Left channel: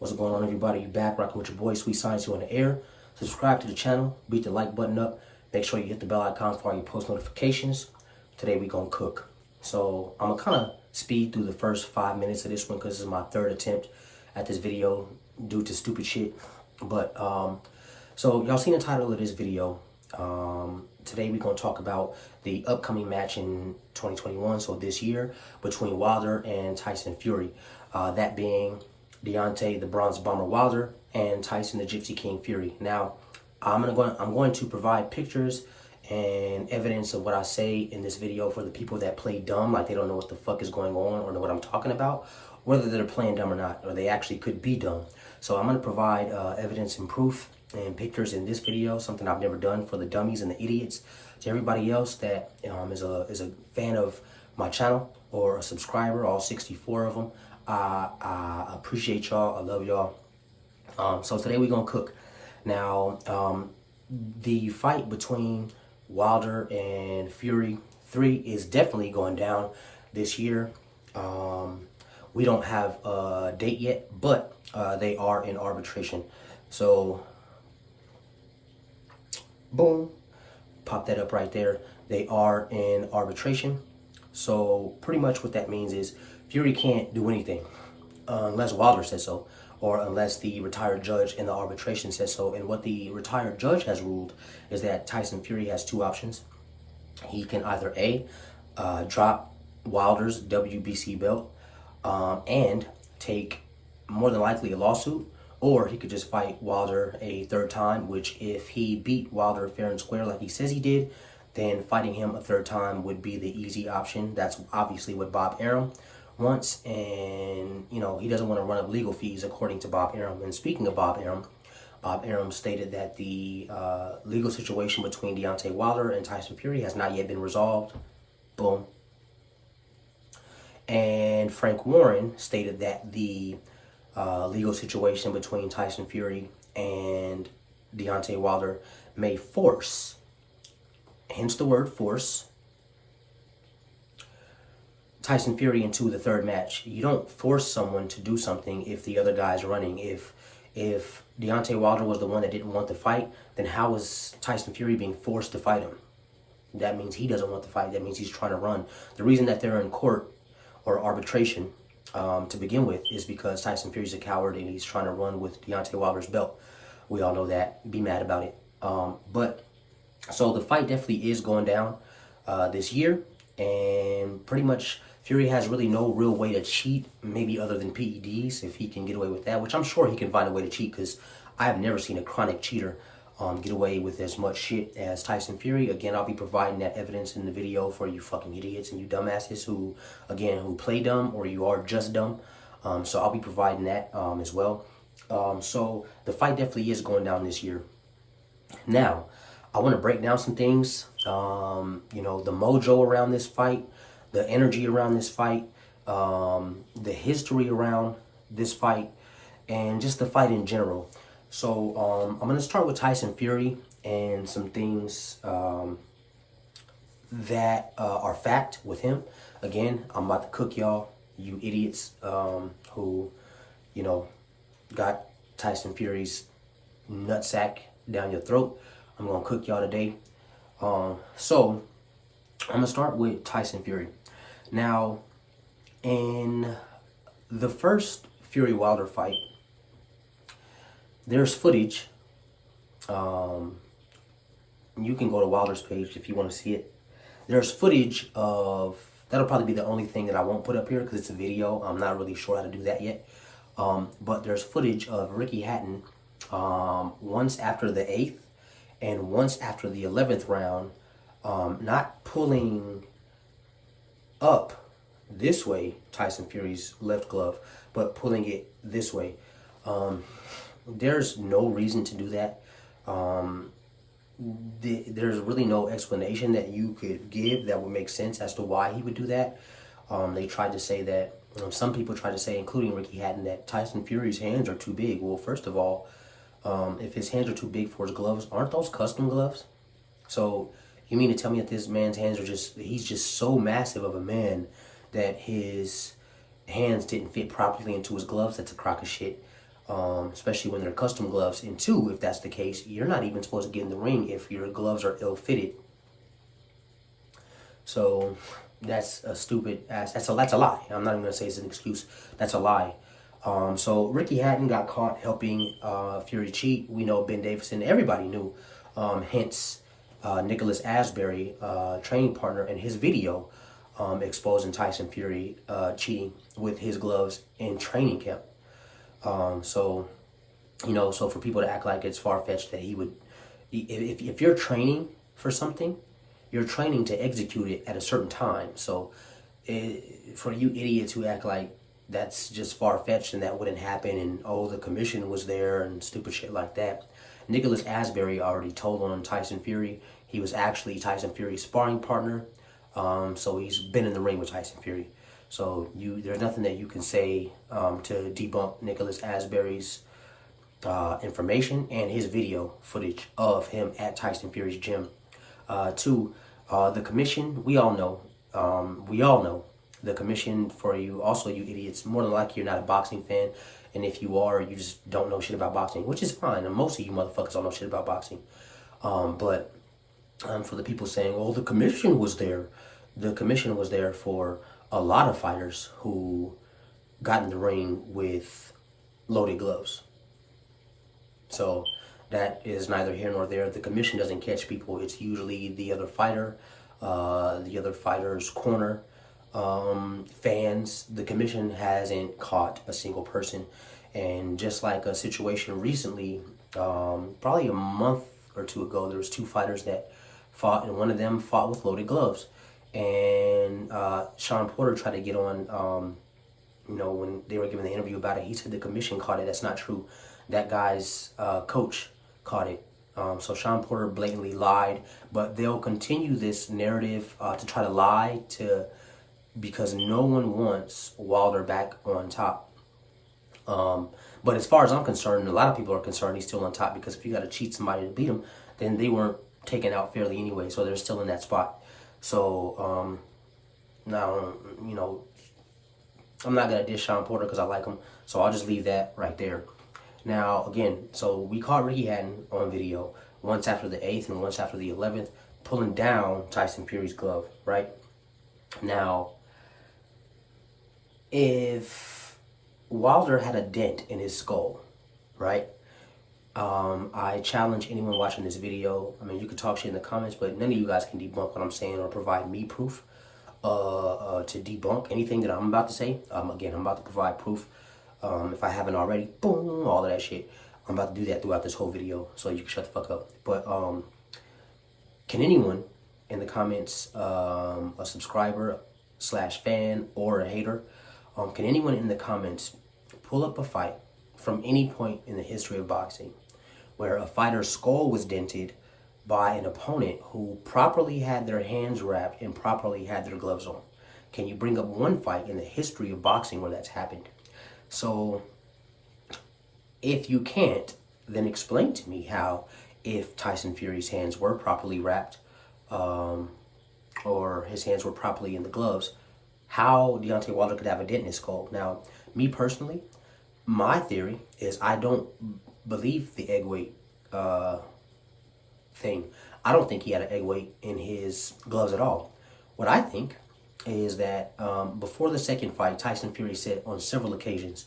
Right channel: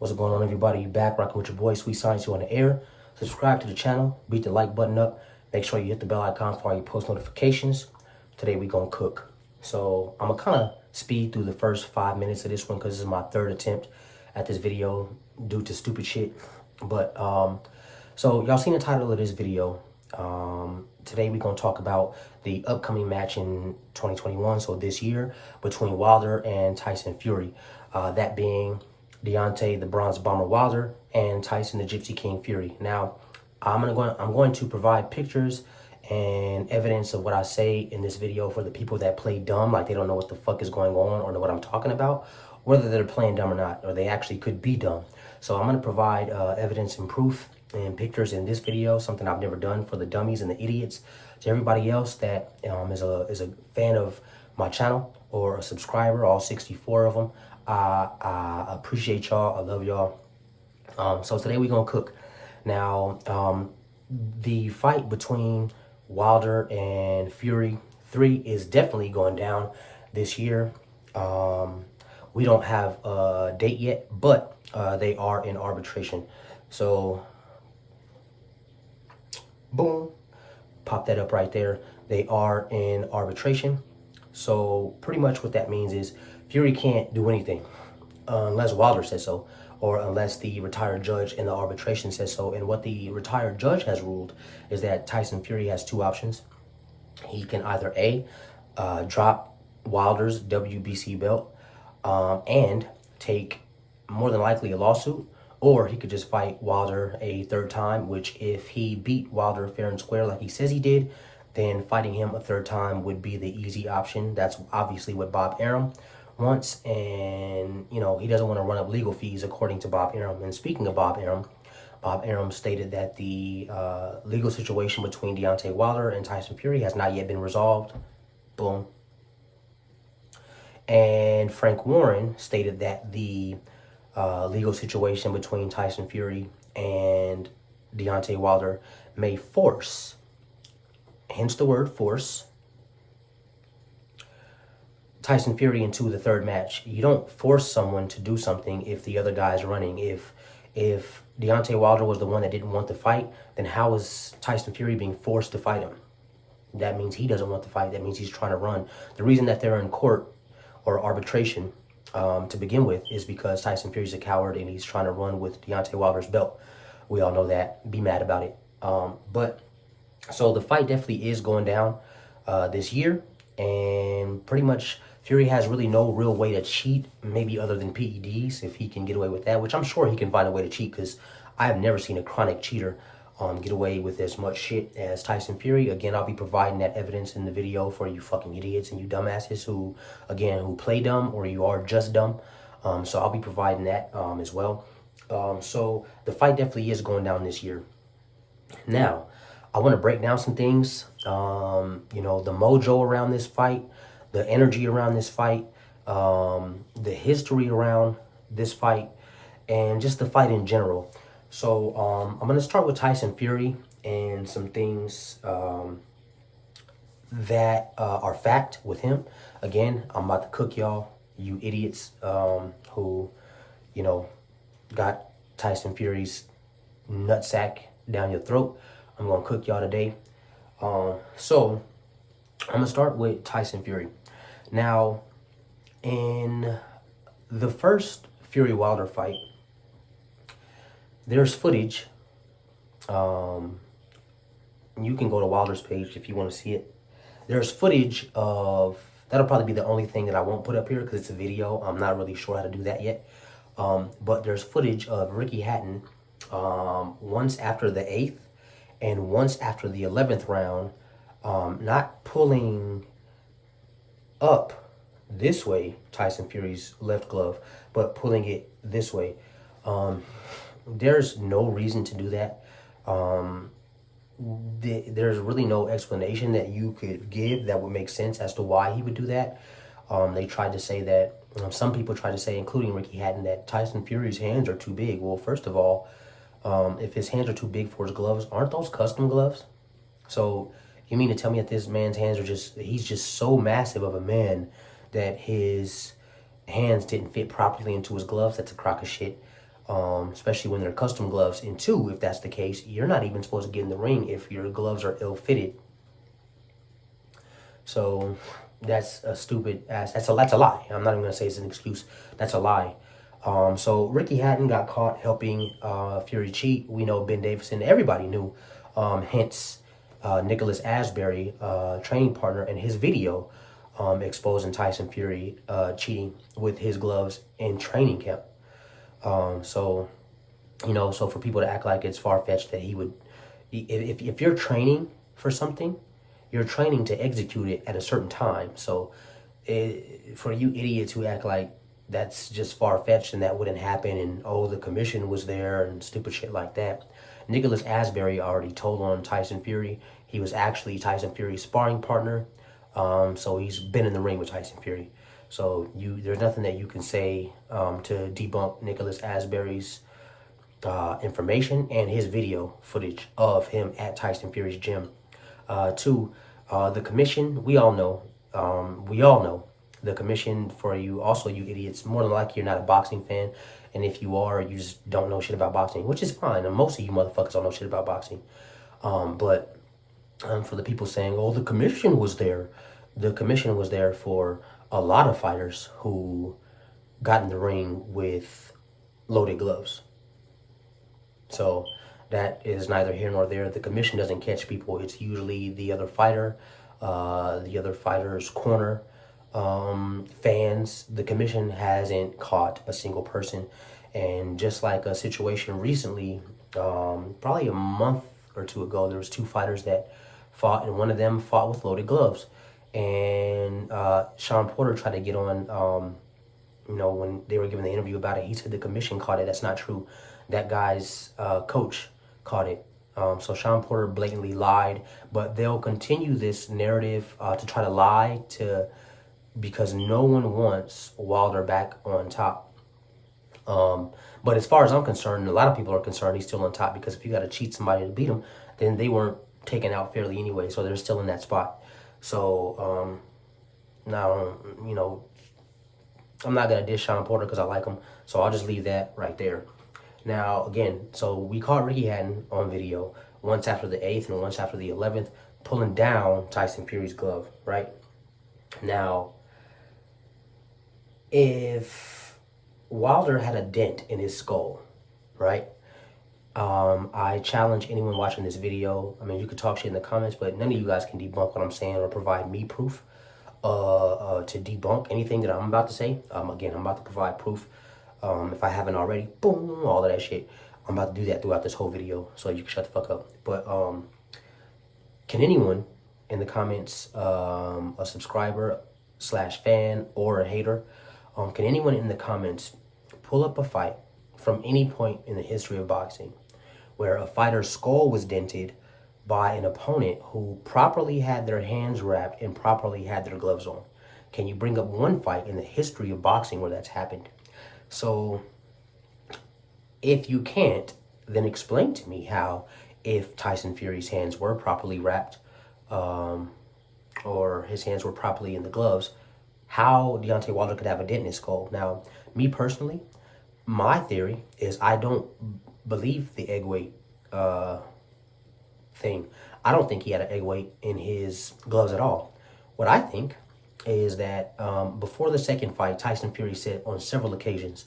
What's going on, everybody? You back rocking with your boy Sweet Science, you on the air. Subscribe to the channel, beat the like button up. Make sure you hit the bell icon for all your post notifications. Today we gonna cook. So I'm gonna kind of speed through the first 5 minutes of this one because this is my third attempt at this video due to stupid shit. But so y'all seen the title of this video. Today we're gonna talk about the upcoming match in 2021, so this year, between Wilder and Tyson Fury. That being Deontay the Bronze Bomber Wilder and Tyson the Gypsy King Fury. Now, I'm going to provide pictures and evidence of what I say in this video for the people that play dumb, like they don't know what the fuck is going on or know what I'm talking about, whether they're playing dumb or not, or they actually could be dumb. So I'm going to provide evidence and proof and pictures in this video, something I've never done for the dummies and the idiots. To everybody else that is a fan of my channel or a subscriber, all 64 of them, I appreciate y'all. I love y'all. So today we're gonna cook. Now, the fight between Wilder and Fury 3 is definitely going down this year. We don't have a date yet, but they are in arbitration. So, boom, pop that up right there. They are in arbitration. So pretty much what that means is Fury can't do anything unless Wilder says so, or unless the retired judge in the arbitration says so. And what the retired judge has ruled is that Tyson Fury has two options. He can either A, drop Wilder's WBC belt and take more than likely a lawsuit, or he could just fight Wilder a third time, which if he beat Wilder fair and square like he says he did, then fighting him a third time would be the easy option. That's obviously what Bob Arum wants, and you know, he doesn't want to run up legal fees according to Bob Arum. And speaking of Bob Arum stated that the legal situation between Deontay Wilder and Tyson Fury has not yet been resolved. Boom. And Frank Warren stated that the legal situation between Tyson Fury and Deontay Wilder may force, hence the word force, Tyson Fury into the third match. You don't force someone to do something if the other guy's running. If Deontay Wilder was the one that didn't want to fight, then how is Tyson Fury being forced to fight him? That means he doesn't want to fight. That means he's trying to run. The reason that they're in court or arbitration to begin with is because Tyson Fury's a coward and he's trying to run with Deontay Wilder's belt. We all know that. Be mad about it. But so the fight definitely is going down this year, and pretty much Fury has really no real way to cheat, maybe other than PEDs, if he can get away with that, which I'm sure he can find a way to cheat, because I have never seen a chronic cheater get away with as much shit as Tyson Fury. Again, I'll be providing that evidence in the video for you fucking idiots and you dumbasses who play dumb, or you are just dumb. So I'll be providing that as well. So the fight definitely is going down this year. Now, I want to break down some things, you know, the mojo around this fight, the energy around this fight, the history around this fight, and just the fight in general. So I'm going to start with Tyson Fury and some things that are fact with him. Again, I'm about to cook y'all, you idiots who, you know, got Tyson Fury's nutsack down your throat. I'm going to cook y'all today. So I'm going to start with Tyson Fury. Now, in the first Fury Wilder fight, there's footage. You can go to Wilder's page if you want to see it. There's footage of, that'll probably be the only thing that I won't put up here because it's a video. I'm not really sure how to do that yet. But there's footage of Ricky Hatton once after the 8th and once after the 11th round, not pulling up this way, Tyson Fury's left glove, but pulling it this way. There's no reason to do that. There's really no explanation that you could give that would make sense as to why he would do that. They tried to say that, some people tried to say, including Ricky Hatton, that Tyson Fury's hands are too big. Well, first of all, if his hands are too big for his gloves, aren't those custom gloves? So you mean to tell me that this man's hands are he's just so massive of a man that his hands didn't fit properly into his gloves? That's a crock of shit. especially when they're custom gloves. And two, if that's the case, you're not even supposed to get in the ring if your gloves are ill-fitted. So that's a stupid ass. That's a lie. I'm not even gonna say it's an excuse. That's a lie. So Ricky Hatton got caught helping Fury cheat. We know Ben Davison. Everybody knew. Hence, Nicholas Asbury, training partner, and his video exposing Tyson Fury cheating with his gloves in training camp. So for people to act like it's far-fetched that he would, if you're training for something, you're training to execute it at a certain time. So for you idiots who act like that's just far-fetched and that wouldn't happen and, oh, the commission was there and stupid shit like that. Nicholas Asbury already told on Tyson Fury. He was actually Tyson Fury's sparring partner. So he's been in the ring with Tyson Fury. So there's nothing that you can say to debunk Nicholas Asbury's information and his video footage of him at Tyson Fury's gym. Two, the commission, we all know the commission, for you, also you idiots, more than likely you're not a boxing fan. And if you are, you just don't know shit about boxing, which is fine. And most of you motherfuckers don't know shit about boxing. But for the people saying, oh, the commission was there. The commission was there for a lot of fighters who got in the ring with loaded gloves. So that is neither here nor there. The commission doesn't catch people. It's usually the other fighter, the other fighter's corner, fans. The commission hasn't caught a single person. And just like a situation recently, probably a month or two ago, there was two fighters that fought, and one of them fought with loaded gloves. And Sean Porter tried to get on, when they were giving the interview about it, he said the commission caught it. That's not true. That guy's coach caught it. So Sean Porter blatantly lied, but they'll continue this narrative to try to lie because no one wants Wilder back on top. But as far as I'm concerned, a lot of people are concerned he's still on top, because if you got to cheat somebody to beat him, then they weren't taken out fairly anyway, so they're still in that spot. So now, I'm not going to dish Sean Porter because I like him, so I'll just leave that right there. Now, again, so we caught Ricky Hatton on video once after the 8th and once after the 11th, pulling down Tyson Fury's glove, right? Now, if Wilder had a dent in his skull, right? I challenge anyone watching this video. I mean, you could talk shit in the comments, but none of you guys can debunk what I'm saying or provide me proof to debunk anything that I'm about to say. Again, I'm about to provide proof. If I haven't already, boom, all of that shit. I'm about to do that throughout this whole video, so you can shut the fuck up. But can anyone in the comments, a subscriber / fan or a hater, can anyone in the comments pull up a fight from any point in the history of boxing where a fighter's skull was dented by an opponent who properly had their hands wrapped and properly had their gloves on? Can you bring up one fight in the history of boxing where that's happened? So if you can't, then explain to me how, if Tyson Fury's hands were properly wrapped or his hands were properly in the gloves, how Deontay Wilder could have a dent in his skull. Now, me personally, my theory is I don't believe the egg weight thing. I don't think he had an egg weight in his gloves at all. What I think is that before the second fight, Tyson Fury said on several occasions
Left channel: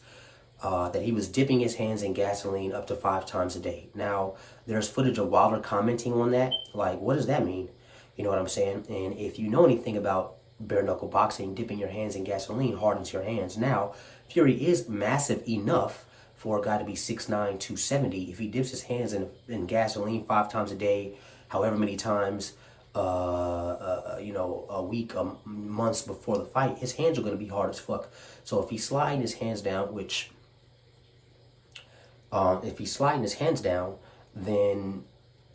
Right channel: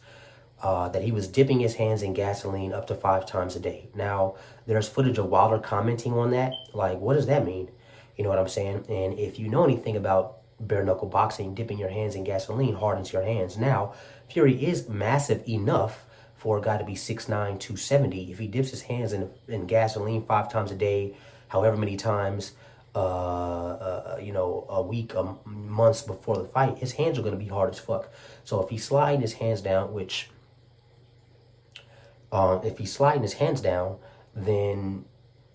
that he was dipping his hands in gasoline up to 5 times a day. Now, there's footage of Wilder commenting on that. Like, what does that mean? You know what I'm saying? And if you know anything about bare knuckle boxing, dipping your hands in gasoline hardens your hands. Now, Fury is massive enough for a guy to be 6'9", 270. If he dips his hands in gasoline 5 times a day, however many times, a week, months before the fight, his hands are going to be hard as fuck. So if he's sliding his hands down, then,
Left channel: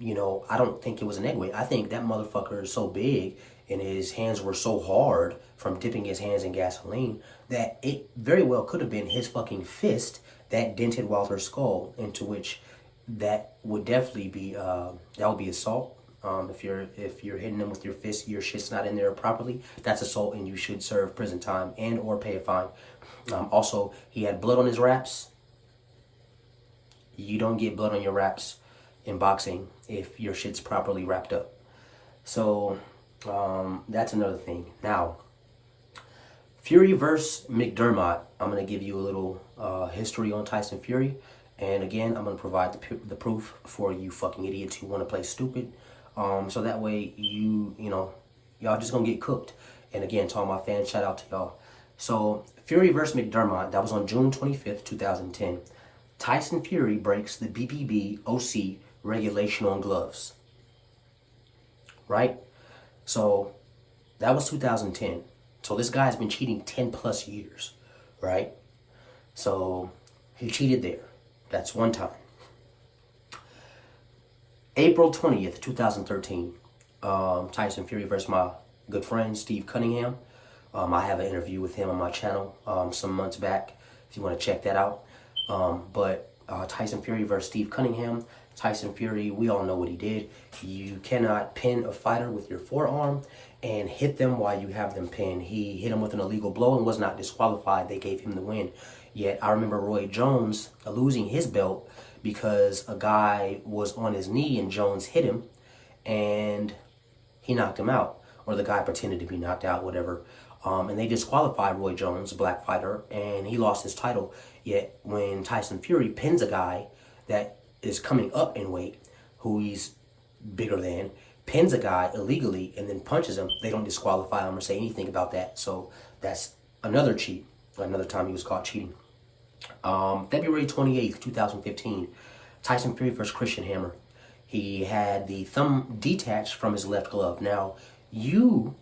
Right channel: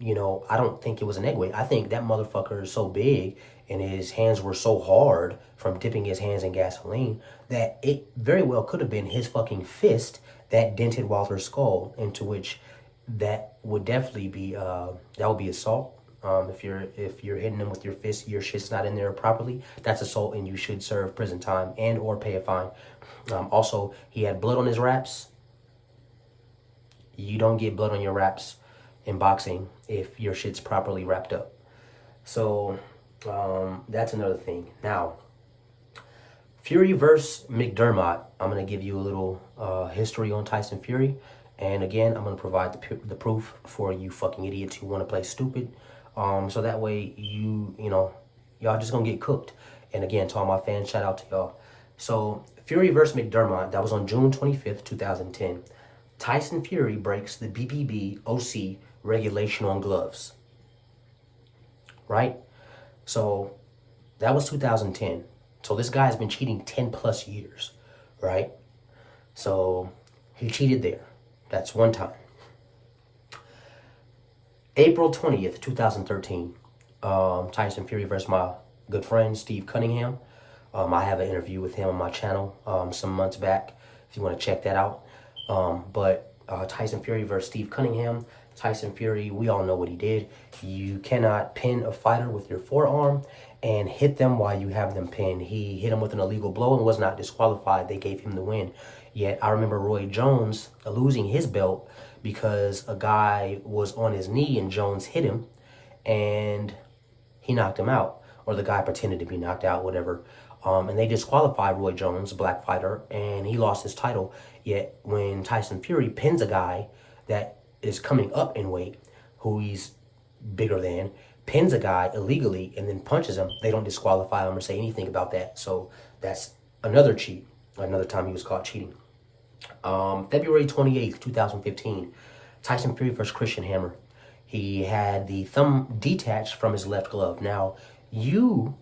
I don't think it was an egg weight. I think that motherfucker is so big and his hands were so hard from dipping his hands in gasoline that it very well could have been his fucking fist that dented Wilder's skull, into which that would definitely be, that would be assault. If you're hitting them with your fist, your shit's not in there properly, that's assault and you should serve prison time and or pay a fine. Also, he had blood on his wraps. You don't get blood on your wraps in boxing if your shit's properly wrapped up. So that's another thing. Now, Fury versus McDermott. I'm going to give you a little history on Tyson Fury. And again, I'm going to provide the proof for you fucking idiots who want to play stupid. So that way y'all just going to get cooked. And again, to all my fans, shout out to y'all. So Fury versus McDermott, that was on June 25th, 2010. Tyson Fury breaks the BPB OC regulation on gloves. Right? So that was 2010. So this guy's been cheating 10 plus years, right? So he cheated there. That's one time. April 20th, 2013, Tyson Fury versus my good friend, Steve Cunningham. I have an interview with him on my channel some months back, if you want to check that out. But Tyson Fury versus Steve Cunningham. Tyson Fury, we all know what he did. You cannot pin a fighter with your forearm and hit them while you have them pinned. He hit him with an illegal blow and was not disqualified. They gave him the win. Yet I remember Roy Jones losing his belt because a guy was on his knee and Jones hit him and he knocked him out. Or the guy pretended to be knocked out, whatever. And they disqualified Roy Jones, a black fighter, and he lost his title. Yet when Tyson Fury pins a guy that is coming up in weight, who he's bigger than, pins a guy illegally and then punches him, they don't disqualify him or say anything about that. So that's another cheat, another time he was caught cheating. February 28th, 2015, Tyson Fury versus Christian Hammer. He had the thumb detached from his left glove. Now, you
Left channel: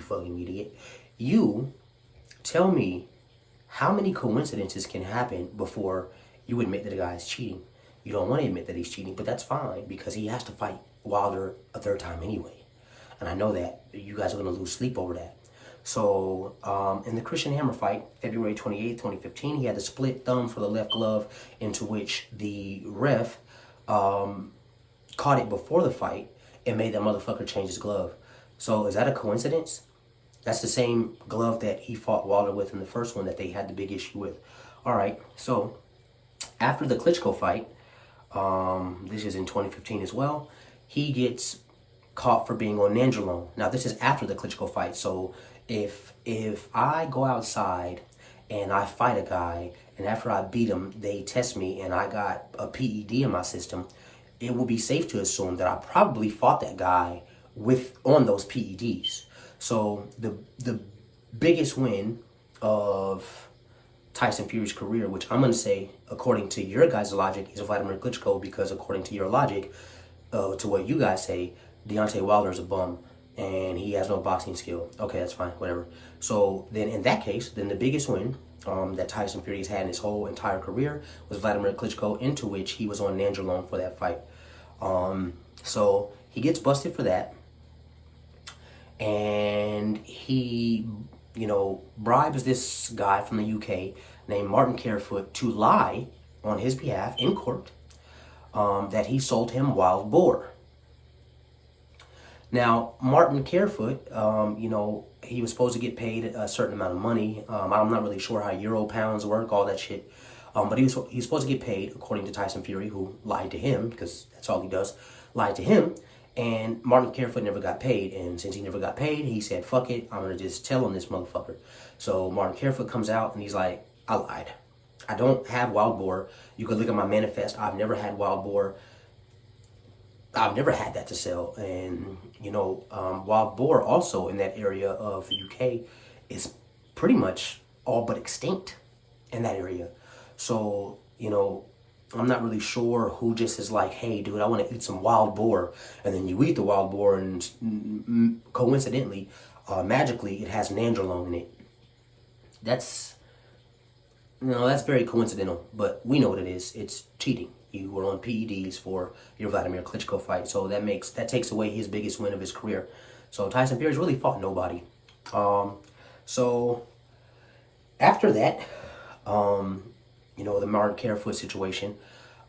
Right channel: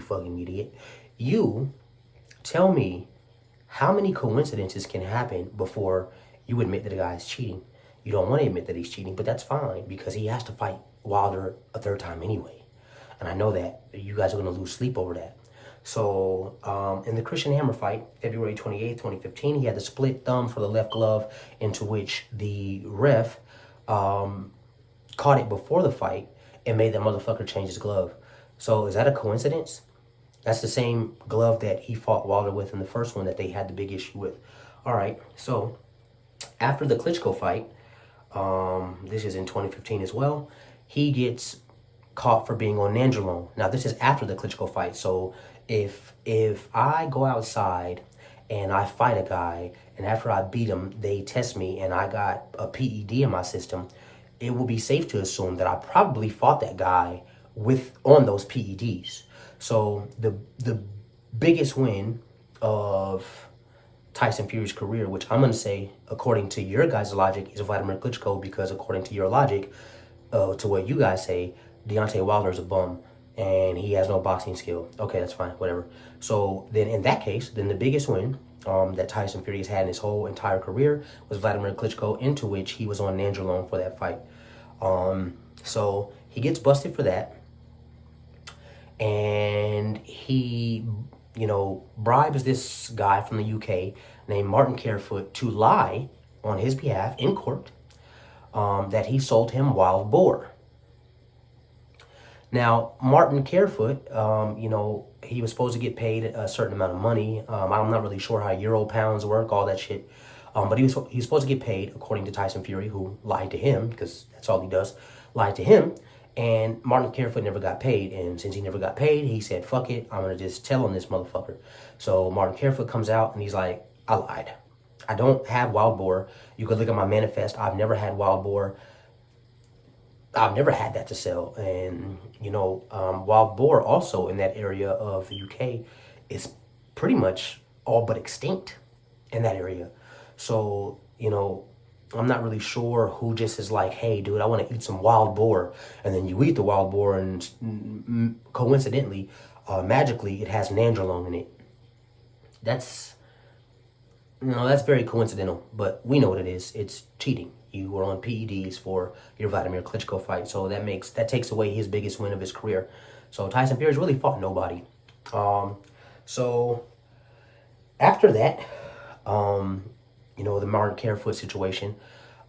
fucking idiot, you tell me how many coincidences can happen before you admit that a guy is cheating. You don't want to admit that he's cheating, but that's fine because he has to fight Wilder a third time anyway. And I know that you guys are going to lose sleep over that. So in the Christian Hammer fight, February 28th, 2015, he had the split thumb for the left glove, into which the ref caught it before the fight and made that motherfucker change his glove. So is that a coincidence? That's the same glove that he fought Wilder with in the first one that they had the big issue with. All right, so after the Klitschko fight, this is in 2015 as well, he gets caught for being on nandrolone. Now, this is after the Klitschko fight, so if I go outside and I fight a guy, and after I beat him, they test me and I got a PED in my system, it will be safe to assume that I probably fought that guy on those PEDs. So the biggest win of Tyson Fury's career, which I'm going to say, according to your guys' logic, is Vladimir Klitschko, because according to your logic, to what you guys say, Deontay Wilder is a bum and he has no boxing skill. Okay, that's fine, whatever. So then in that case, then the biggest win that Tyson Fury has had in his whole entire career was Vladimir Klitschko, into which he was on nandrolone for that fight. So he gets busted for that. And he, bribes this guy from the UK named Martin Carefoot to lie on his behalf in court that he sold him wild boar. Now, Martin Carefoot, he was supposed to get paid a certain amount of money. I'm not really sure how euro pounds work, all that shit. But he's supposed to get paid, according to Tyson Fury, who lied to him, because that's all he does, lied to him. And Martin Carefoot never got paid. And since he never got paid, he said, fuck it, I'm going to just tell on this motherfucker. So Martin Carefoot comes out and he's like, I lied. I don't have wild boar. You could look at my manifest. I've never had wild boar. I've never had that to sell. And, wild boar also in that area of the UK is pretty much all but extinct in that area. So, I'm not really sure who just is like, hey, dude, I want to eat some wild boar. And then you eat the wild boar and coincidentally, magically, it has nandrolone in it. That's very coincidental, but we know what it is. It's cheating. You were on PEDs for your Vladimir Klitschko fight. So that takes away his biggest win of his career. So Tyson Fury's really fought nobody. So after that, the Martin Carefoot situation,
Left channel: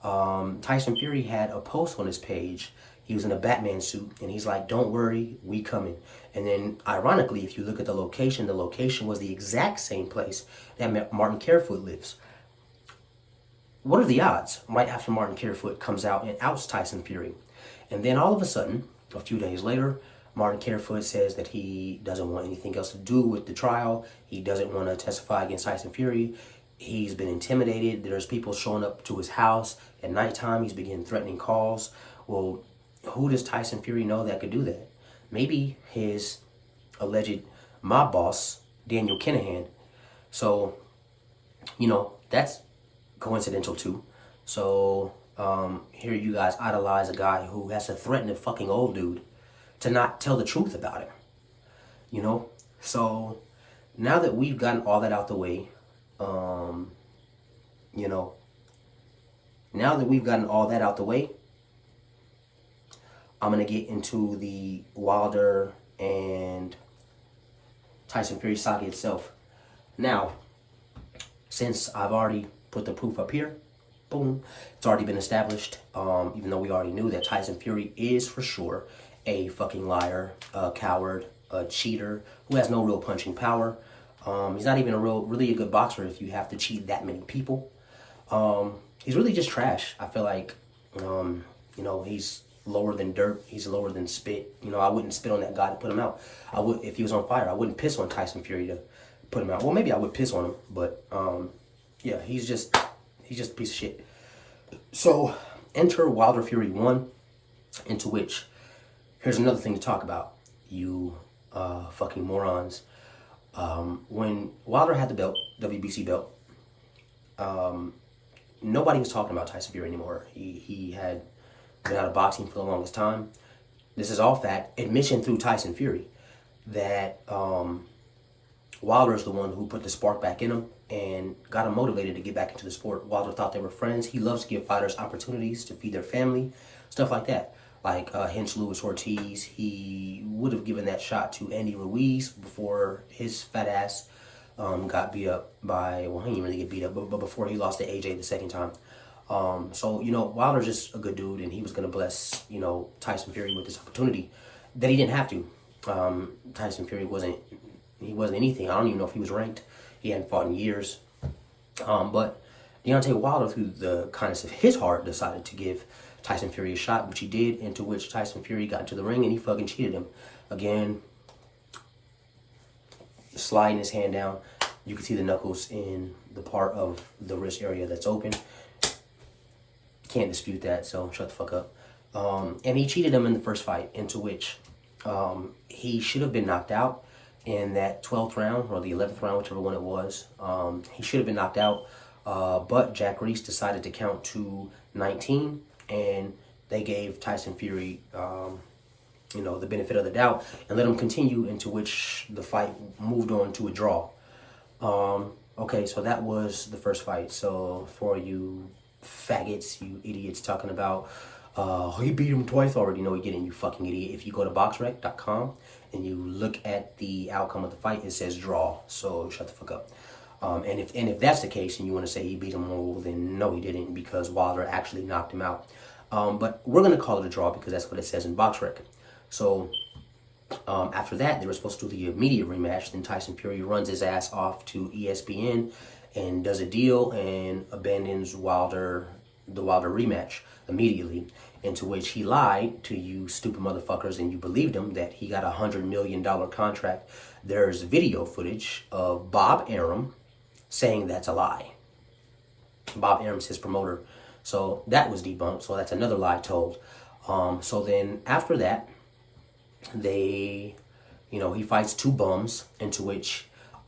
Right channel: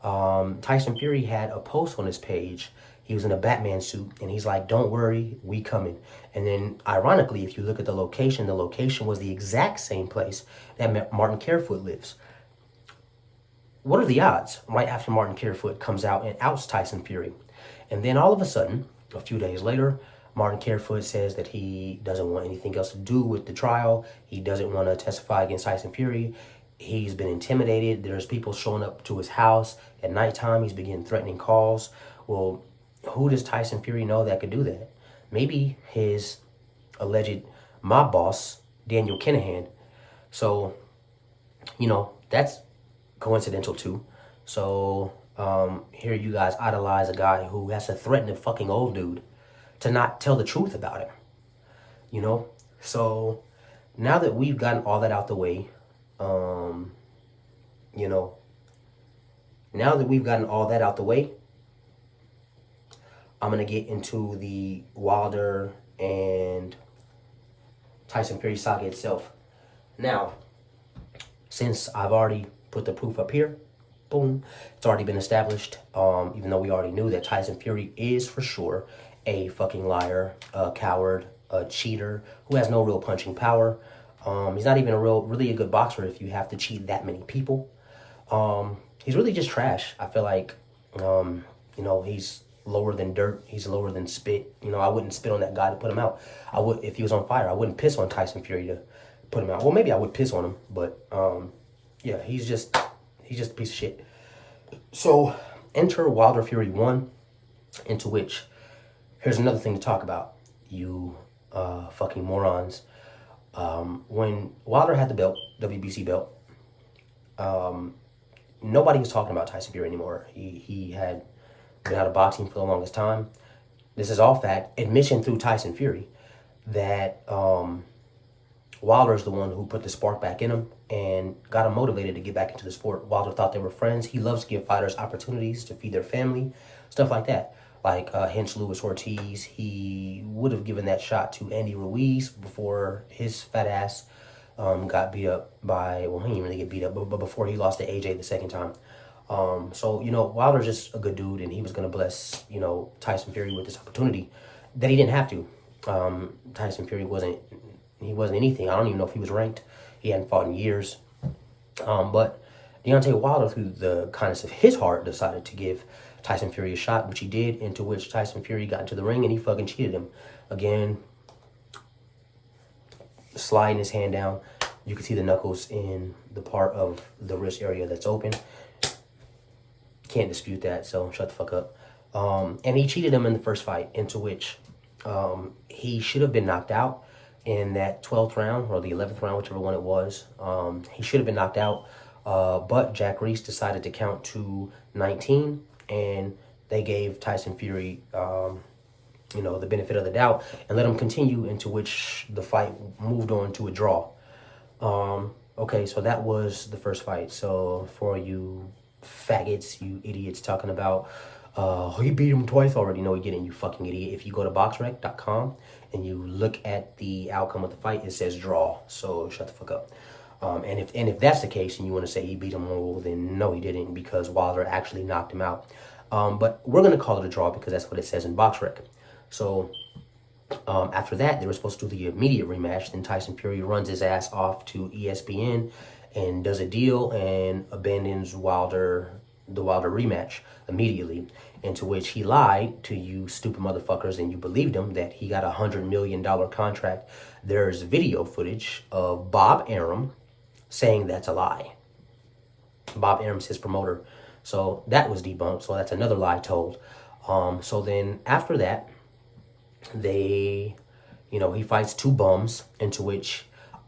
Tyson Fury had a post on his page. He was in a Batman suit, and he's like, don't worry, we coming. And then, ironically, if you look at the location was the exact same place that Martin Carefoot lives. what are the odds? Right after Martin Carefoot comes out and outs Tyson Fury. And then all of a sudden, a few days later, Martin Carefoot says that he doesn't want anything else to do with the trial. He doesn't want to testify against Tyson Fury. He's been intimidated. There's people showing up to his house at nighttime. He's been getting threatening calls. Well, who does Tyson Fury know that could do that? Maybe his alleged mob boss, Daniel Kinahan. So, you know, that's coincidental too. So, here you guys idolize a guy who has to threaten a fucking old dude to not tell the truth about him. You know? So, now that we've gotten all that out the way, you know, now that we've gotten all that out the way, I'm going to get into the Wilder and Tyson Fury saga itself. Now, since I've already put the proof up here, boom, it's already been established, even though we already knew that Tyson Fury is for sure a fucking liar, a coward, a cheater who has no real punching power. He's not even really a good boxer if you have to cheat that many people. He's really just trash. I feel like, you know, he's lower than dirt. He's lower than spit. You know, I wouldn't spit on that guy to put him out. I would, if he was on fire, I wouldn't piss on Tyson Fury to put him out. Well, maybe I would piss on him, but, yeah, he's just a piece of shit. So, enter Wilder Fury 1, into which, here's another thing to talk about, you fucking morons. When Wilder had the belt, WBC belt, nobody was talking about Tyson Fury anymore. He had been out of boxing for the longest time. This is all fact. Admission through Tyson Fury that Wilder is the one who put the spark back in him and got him motivated to get back into the sport. Wilder thought they were friends. He loves to give fighters opportunities to feed their family, stuff like that. Like Hinch Louis Ortiz, he would have given that shot to Andy Ruiz before his fat ass got beat up by, well, he didn't really get beat up, but before he lost to AJ the second time. So, you know, Wilder's just a good dude, and he was going to bless, you know, Tyson Fury with this opportunity that he didn't have to. Tyson Fury wasn't anything. I don't even know if he was ranked. He hadn't fought in years. But Deontay Wilder, through the kindness of his heart, decided to give Tyson Fury a shot, which he did, into which Tyson Fury got into the ring and he fucking cheated him. Again, sliding his hand down. You can see the knuckles in the part of the wrist area that's open. Can't dispute that, so shut the fuck up. And he cheated him in the first fight, into which he should have been knocked out in that 12th round, or the 11th round, whichever one it was. He should have been knocked out, but Jack Reese decided to count to 19, and they gave Tyson Fury, you know, the benefit of the doubt and let him continue, into which the fight moved on to a draw. Okay, so that was the first fight. So for you faggots, you idiots talking about, he beat him twice already. No, he didn't, you fucking idiot. If you go to boxrec.com and you look at the outcome of the fight, it says draw. So shut the fuck up. And if that's the case and you want to say he beat him, well, then no, he didn't, because Wilder actually knocked him out. But we're going to call it a draw because that's what it says in BoxRec. So after that, they were supposed to do the immediate rematch. Then Tyson Fury runs his ass off to ESPN and does a deal and abandons the Wilder rematch immediately, into which he lied to you stupid motherfuckers, and you believed him that he got a $100 million contract. There's video footage of Bob Arum saying that's a lie. Bob Arum's his promoter. So that was debunked. So that's another lie told. So then after that, he fights two bums, into which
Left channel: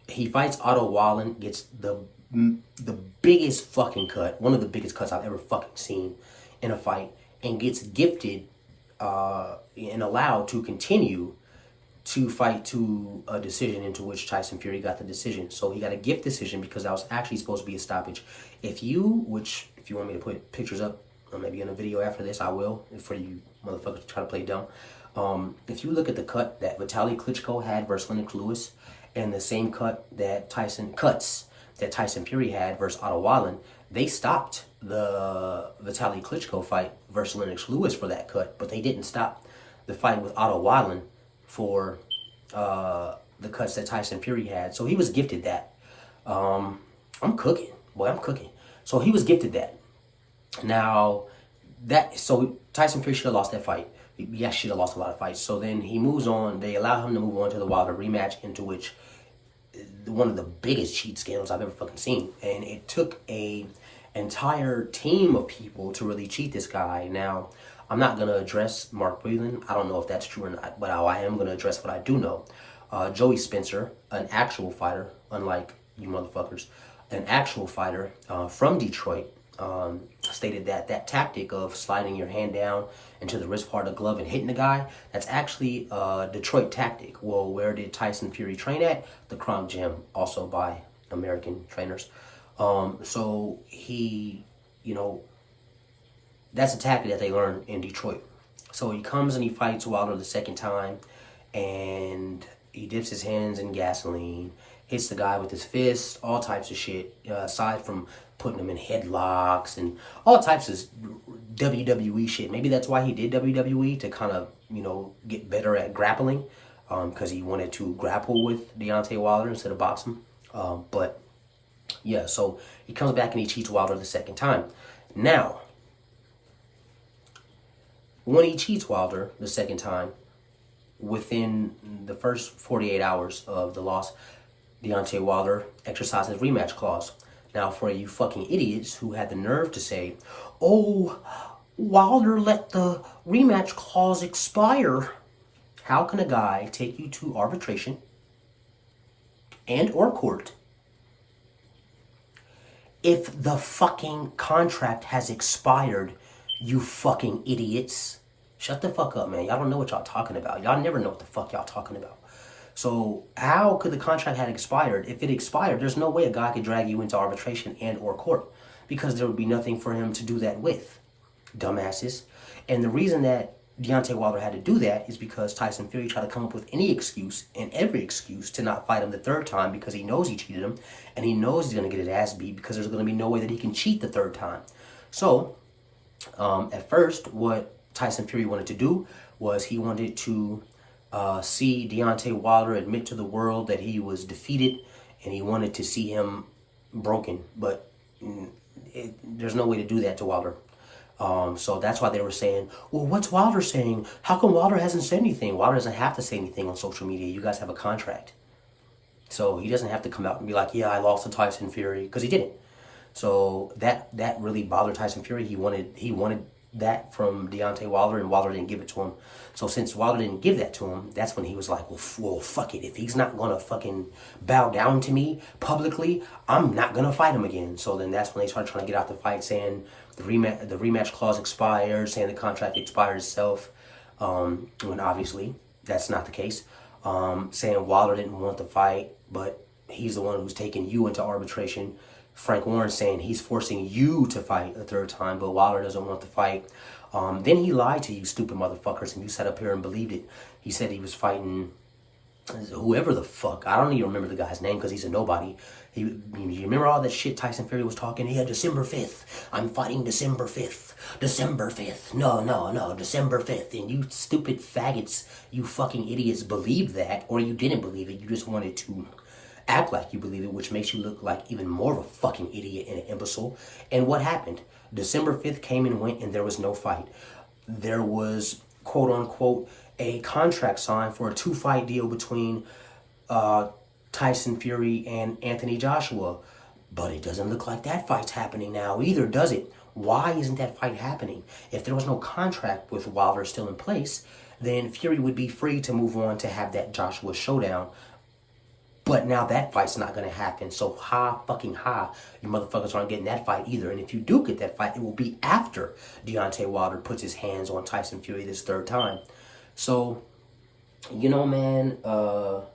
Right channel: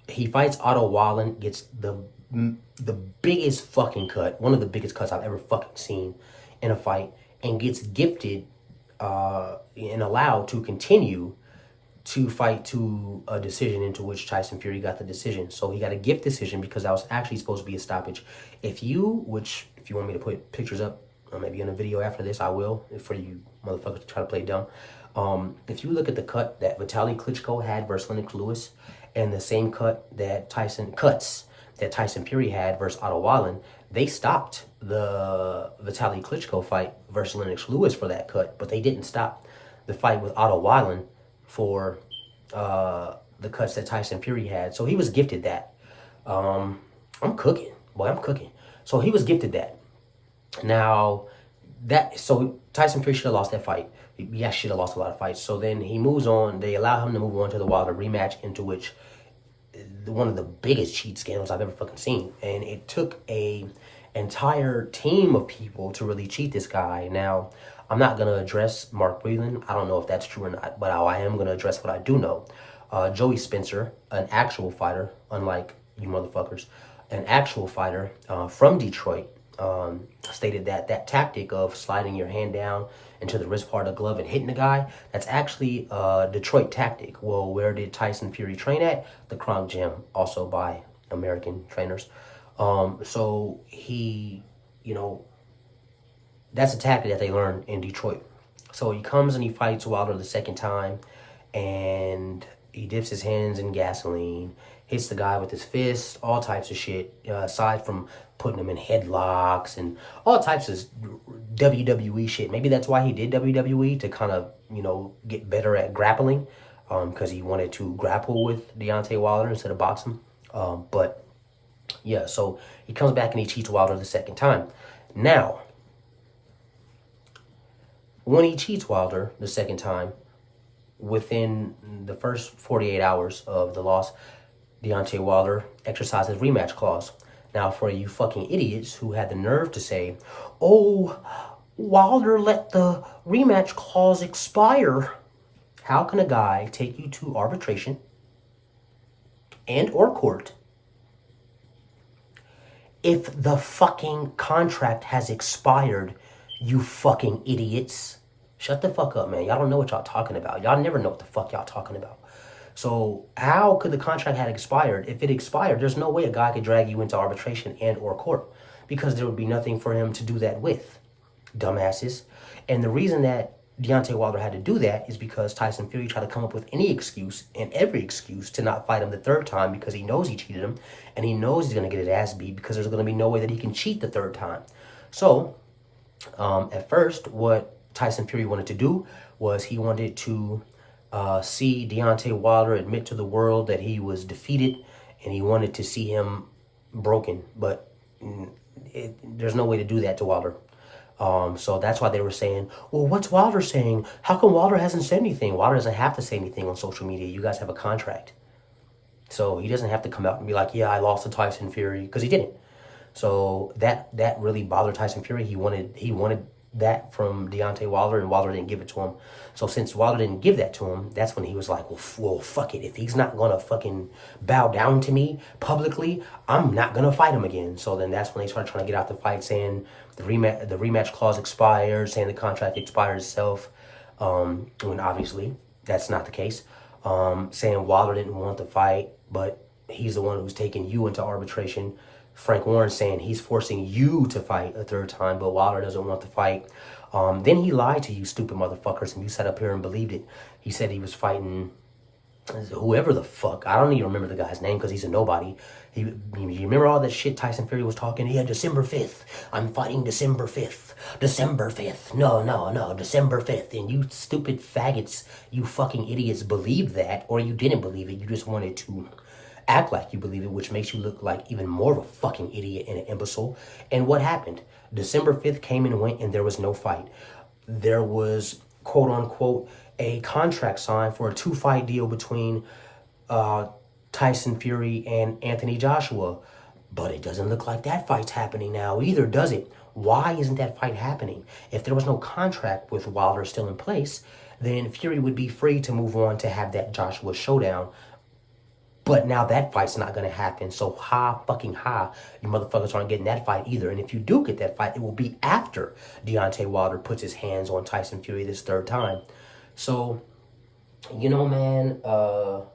he fights Otto Wallen, gets the biggest fucking cut, one of the biggest cuts I've ever fucking seen in a fight, and gets gifted and allowed to continue to fight to a decision, into which Tyson Fury got the decision. So he got a gift decision because that was actually supposed to be a stoppage. If you want me to put pictures up, or maybe in a video after this, I will, for you motherfuckers try to play dumb. If you look at the cut that Vitaly Klitschko had versus Lennox Lewis, and the same cuts that Tyson Fury had versus Otto Wallen, they stopped the Vitaly Klitschko fight versus Lennox Lewis for that cut, but they didn't stop the fight with Otto Wallen for the cuts that Tyson Fury had. So he was gifted that. I'm cooking. So he was gifted that. Now, so Tyson Fury should have lost that fight. He actually should have lost a lot of fights. So then he moves on. They allow him to move on to the Wilder rematch, into which one of the biggest cheat scandals I've ever fucking seen. And it took a entire team of people to really cheat this guy. Now, I'm not going to address Mark Whelan. I don't know if that's true or not, but I am going to address what I do know. Joey Spencer, an actual fighter, unlike you motherfuckers, an actual fighter from Detroit, stated that that tactic of sliding your hand down into the wrist part of the glove and hitting the guy, that's actually a Detroit tactic. Well, where did Tyson Fury train at? The Kronk Gym, also by American trainers. So he, that's a tactic that they learned in Detroit. So he comes and he fights Wilder the second time, and he dips his hands in gasoline, hits the guy with his fists, all types of shit, aside from putting him in headlocks and all types of WWE shit. Maybe that's why he did WWE, to kind of, get better at grappling, because he wanted to grapple with Deontay Wilder instead of box him. But, yeah, so he comes back and he cheats Wilder the second time. Now, when he cheats Wilder the second time, within the first 48 hours of the loss, Deontay Wilder exercises rematch clause. Now, for you fucking idiots who had the nerve to say, oh, Wilder let the rematch clause expire. How can a guy take you to arbitration and or court if the fucking contract has expired, you fucking idiots? Shut the fuck up, man. Y'all don't know what y'all talking about. Y'all never know what the fuck y'all talking about. So how could the contract have expired? If it expired, there's no way a guy could drag you into arbitration and or court, because there would be nothing for him to do that with. Dumbasses. And the reason that Deontay Wilder had to do that is because Tyson Fury tried to come up with any excuse and every excuse to not fight him the third time, because he knows he cheated him and he knows he's going to get his ass beat, because there's going to be no way that he can cheat the third time. So at first, what Tyson Fury wanted to do was he wanted to see Deontay Wilder admit to the world that he was defeated, and he wanted to see him broken. But there's no way to do that to Wilder. So that's why they were saying, well, what's Wilder saying? How come Wilder hasn't said anything? Wilder doesn't have to say anything on social media. You guys have a contract. So he doesn't have to come out and be like, yeah, I lost to Tyson Fury, because he didn't. So that really bothered Tyson Fury. He wanted that from Deontay Wilder, and Wilder didn't give it to him. So since Wilder didn't give that to him, that's when he was like, well, fuck it. If he's not going to fucking bow down to me publicly, I'm not going to fight him again. So then that's when they started trying to get out the fight, saying the rematch clause expired, saying the contract expired itself, when obviously that's not the case. Saying Wilder didn't want the fight, but he's the one who's taking you into arbitration. Frank Warren saying he's forcing you to fight a third time, but Wilder doesn't want the fight. Then he lied to you stupid motherfuckers, and you sat up here and believed it. He said he was fighting whoever the fuck. I don't even remember the guy's name, because he's a nobody. You remember all that shit Tyson Fury was talking? Yeah, December 5th. I'm fighting December 5th. December 5th. No, December 5th. And you stupid faggots, you fucking idiots believed that, or you didn't believe it. You just wanted to act like you believe it, which makes you look like even more of a fucking idiot and an imbecile. And what happened? December 5th came and went, and there was no fight. There was, quote unquote, a contract signed for a 2-fight deal between Tyson Fury and Anthony Joshua. But it doesn't look like that fight's happening now either, does it? Why isn't that fight happening? If there was no contract with Wilder still in place, then Fury would be free to move on to have that Joshua showdown. But now that fight's not going to happen. So fucking you motherfuckers aren't getting that fight either. And if you do get that fight, it will be after Deontay Wilder puts his hands on Tyson Fury this third time. So, man, now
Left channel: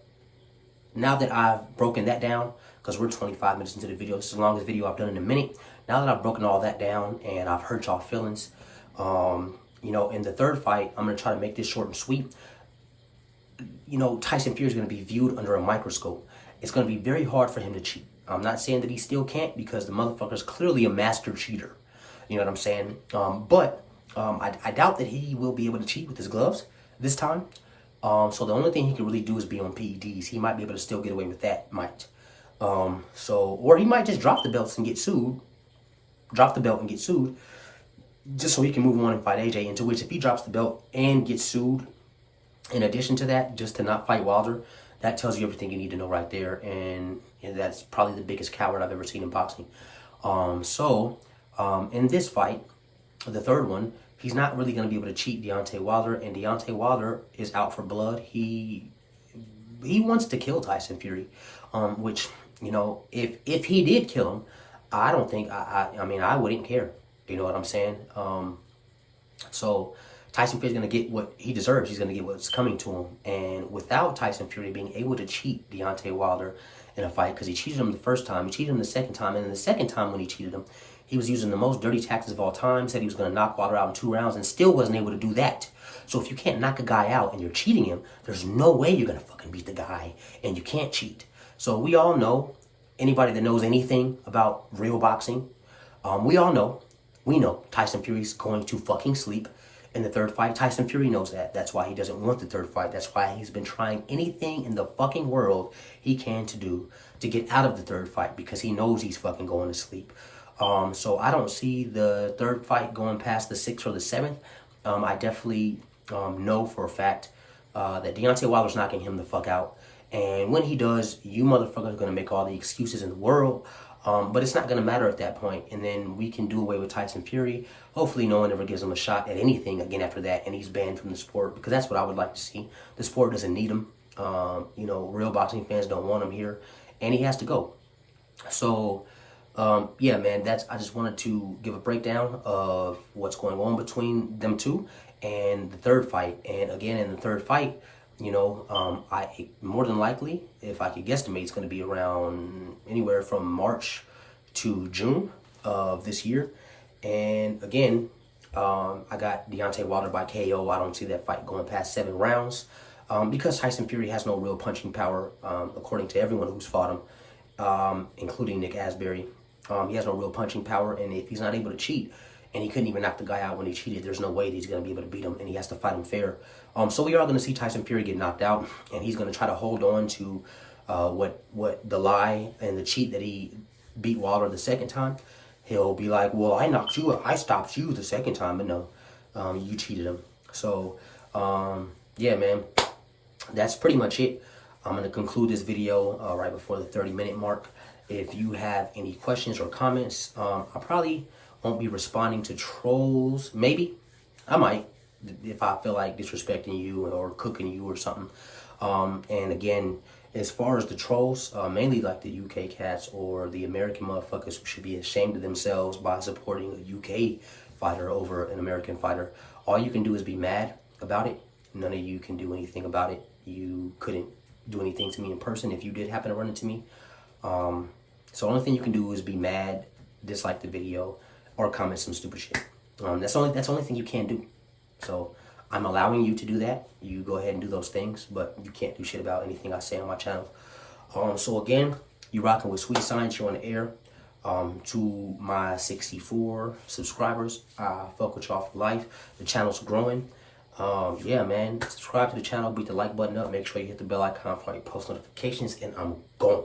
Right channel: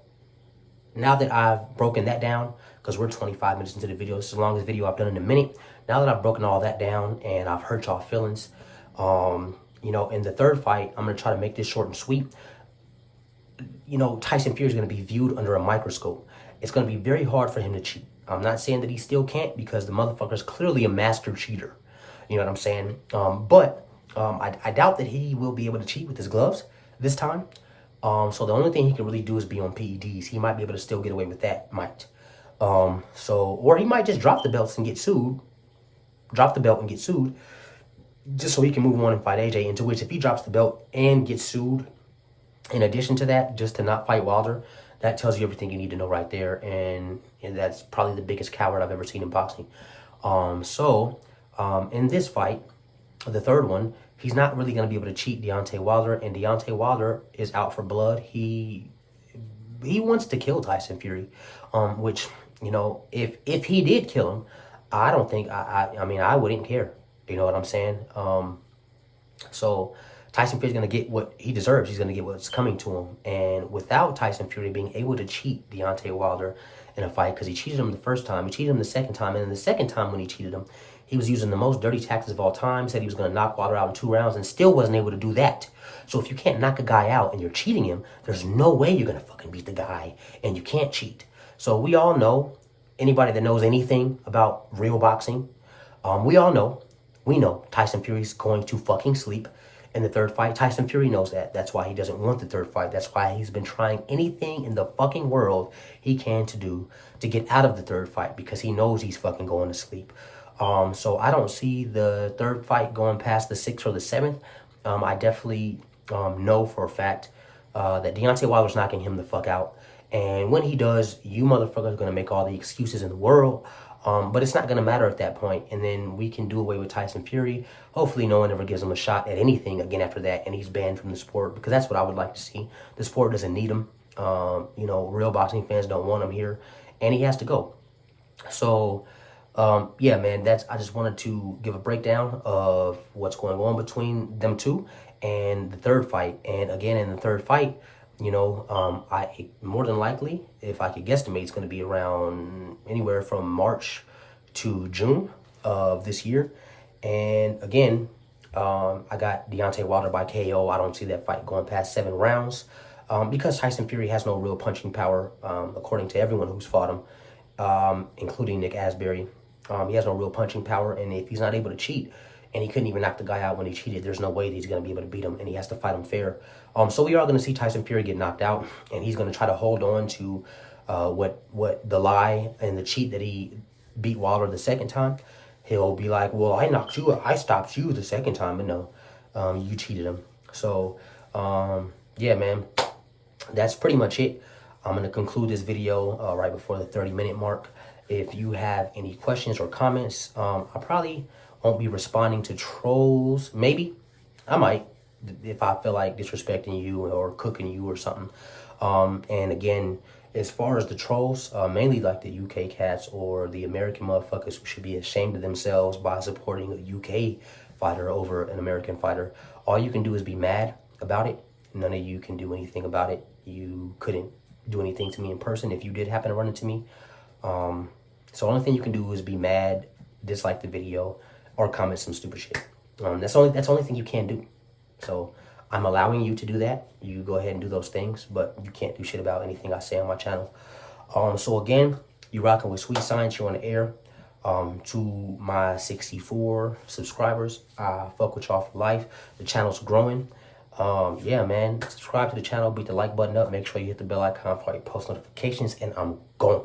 that I've broken that down, because we're 25 minutes into the video, it's the longest video I've done in a minute. Now that I've broken all that down and I've hurt y'all feelings, in the third fight, I'm going to try to make this short and sweet. Tyson Fury is going to be viewed under a microscope. It's going to be very hard for him to cheat. I'm not saying that he still can't, because the motherfucker's clearly a master cheater. You know what I'm saying? But I doubt that he will be able to cheat with his gloves this time. So the only thing he can really do is be on PEDs. He might be able to still get away with that, or he might just drop the belt and get sued. just so he can move on and fight AJ, into which if he drops the belt and gets sued, in addition to that, just to not fight Wilder, that tells you everything you need to know right there. And that's probably the biggest coward I've ever seen in boxing. In this fight, the third one, he's not really going to be able to cheat Deontay Wilder. And Deontay Wilder is out for blood. He wants to kill Tyson Fury, which, you know, if he did kill him, I don't think, I mean, I wouldn't care. You know what I'm saying? So Tyson Fury's going to get what he deserves. He's going to get what's coming to him. And without Tyson Fury being able to cheat Deontay Wilder in a fight, because he cheated him the first time, he cheated him the second time, and then the second time when he cheated him, he was using the most dirty tactics of all time, said he was going to knock Wilder out in 2 rounds, and still wasn't able to do that. So if you can't knock a guy out and you're cheating him, there's no way you're going to fucking beat the guy, and you can't cheat. So we all know, anybody that knows anything about real boxing, we know Tyson Fury's going to fucking sleep in the third fight. Tyson Fury knows that. That's why he doesn't want the third fight. That's why he's been trying anything in the fucking world he can to do to get out of the third fight, because he knows he's fucking going to sleep. So I don't see the third fight going past the 6th or the 7th. I definitely know for a fact that Deontay Wilder's knocking him the fuck out. And when he does, you motherfuckers are going to make all the excuses in the world. But it's not going to matter at that point. And then we can do away with Tyson Fury. Hopefully no one ever gives him a shot at anything again after that, and he's banned from the sport, because that's what I would like to see. The sport doesn't need him. You know, real boxing fans don't want him here, and he has to go. So, yeah, man, I just wanted to give a breakdown of what's going on between them two and the third fight. And again, in the third fight, you know, I more than likely, if I could guesstimate, it's going to be around anywhere from March to June of this year. And again, I got Deontay Wilder by KO. I don't see that fight going past 7 rounds, because Tyson Fury has no real punching power, according to everyone who's fought him, including Nick Asbury. He has no real punching power, and if he's not able to cheat, and he couldn't even knock the guy out when he cheated, there's no way that he's going to be able to beat him, and he has to fight him fair. So we are going to see Tyson Fury get knocked out, and he's going to try to hold on to what the lie and the cheat that he beat Wilder the second time. He'll be like, well, I knocked you, I stopped you the second time, but no, you cheated him. So, yeah, man, that's pretty much it. I'm going to conclude this video right before the 30-minute mark. If you have any questions or comments, I probably won't be responding to trolls. Maybe I might, if I feel like disrespecting you or cooking you or something. And again, as far as the trolls, mainly like the UK cats or the American motherfuckers who should be ashamed of themselves by supporting a UK fighter over an American fighter, all you can do is be mad about it. None of you can do anything about it. You couldn't do anything to me in person if you did happen to run into me. So the only thing you can do is be mad, dislike the video, or comment some stupid shit. That's the only thing you can do. So I'm allowing you to do that. You go ahead and do those things, but you can't do shit about anything I say on my channel. So again, you rocking with Sweet Science. You're on the air. To my 64 subscribers, I fuck with y'all for life. The channel's growing. Yeah, man. Subscribe to the channel. Beat the like button up. Make sure you hit the bell icon for your post notifications. And I'm gone.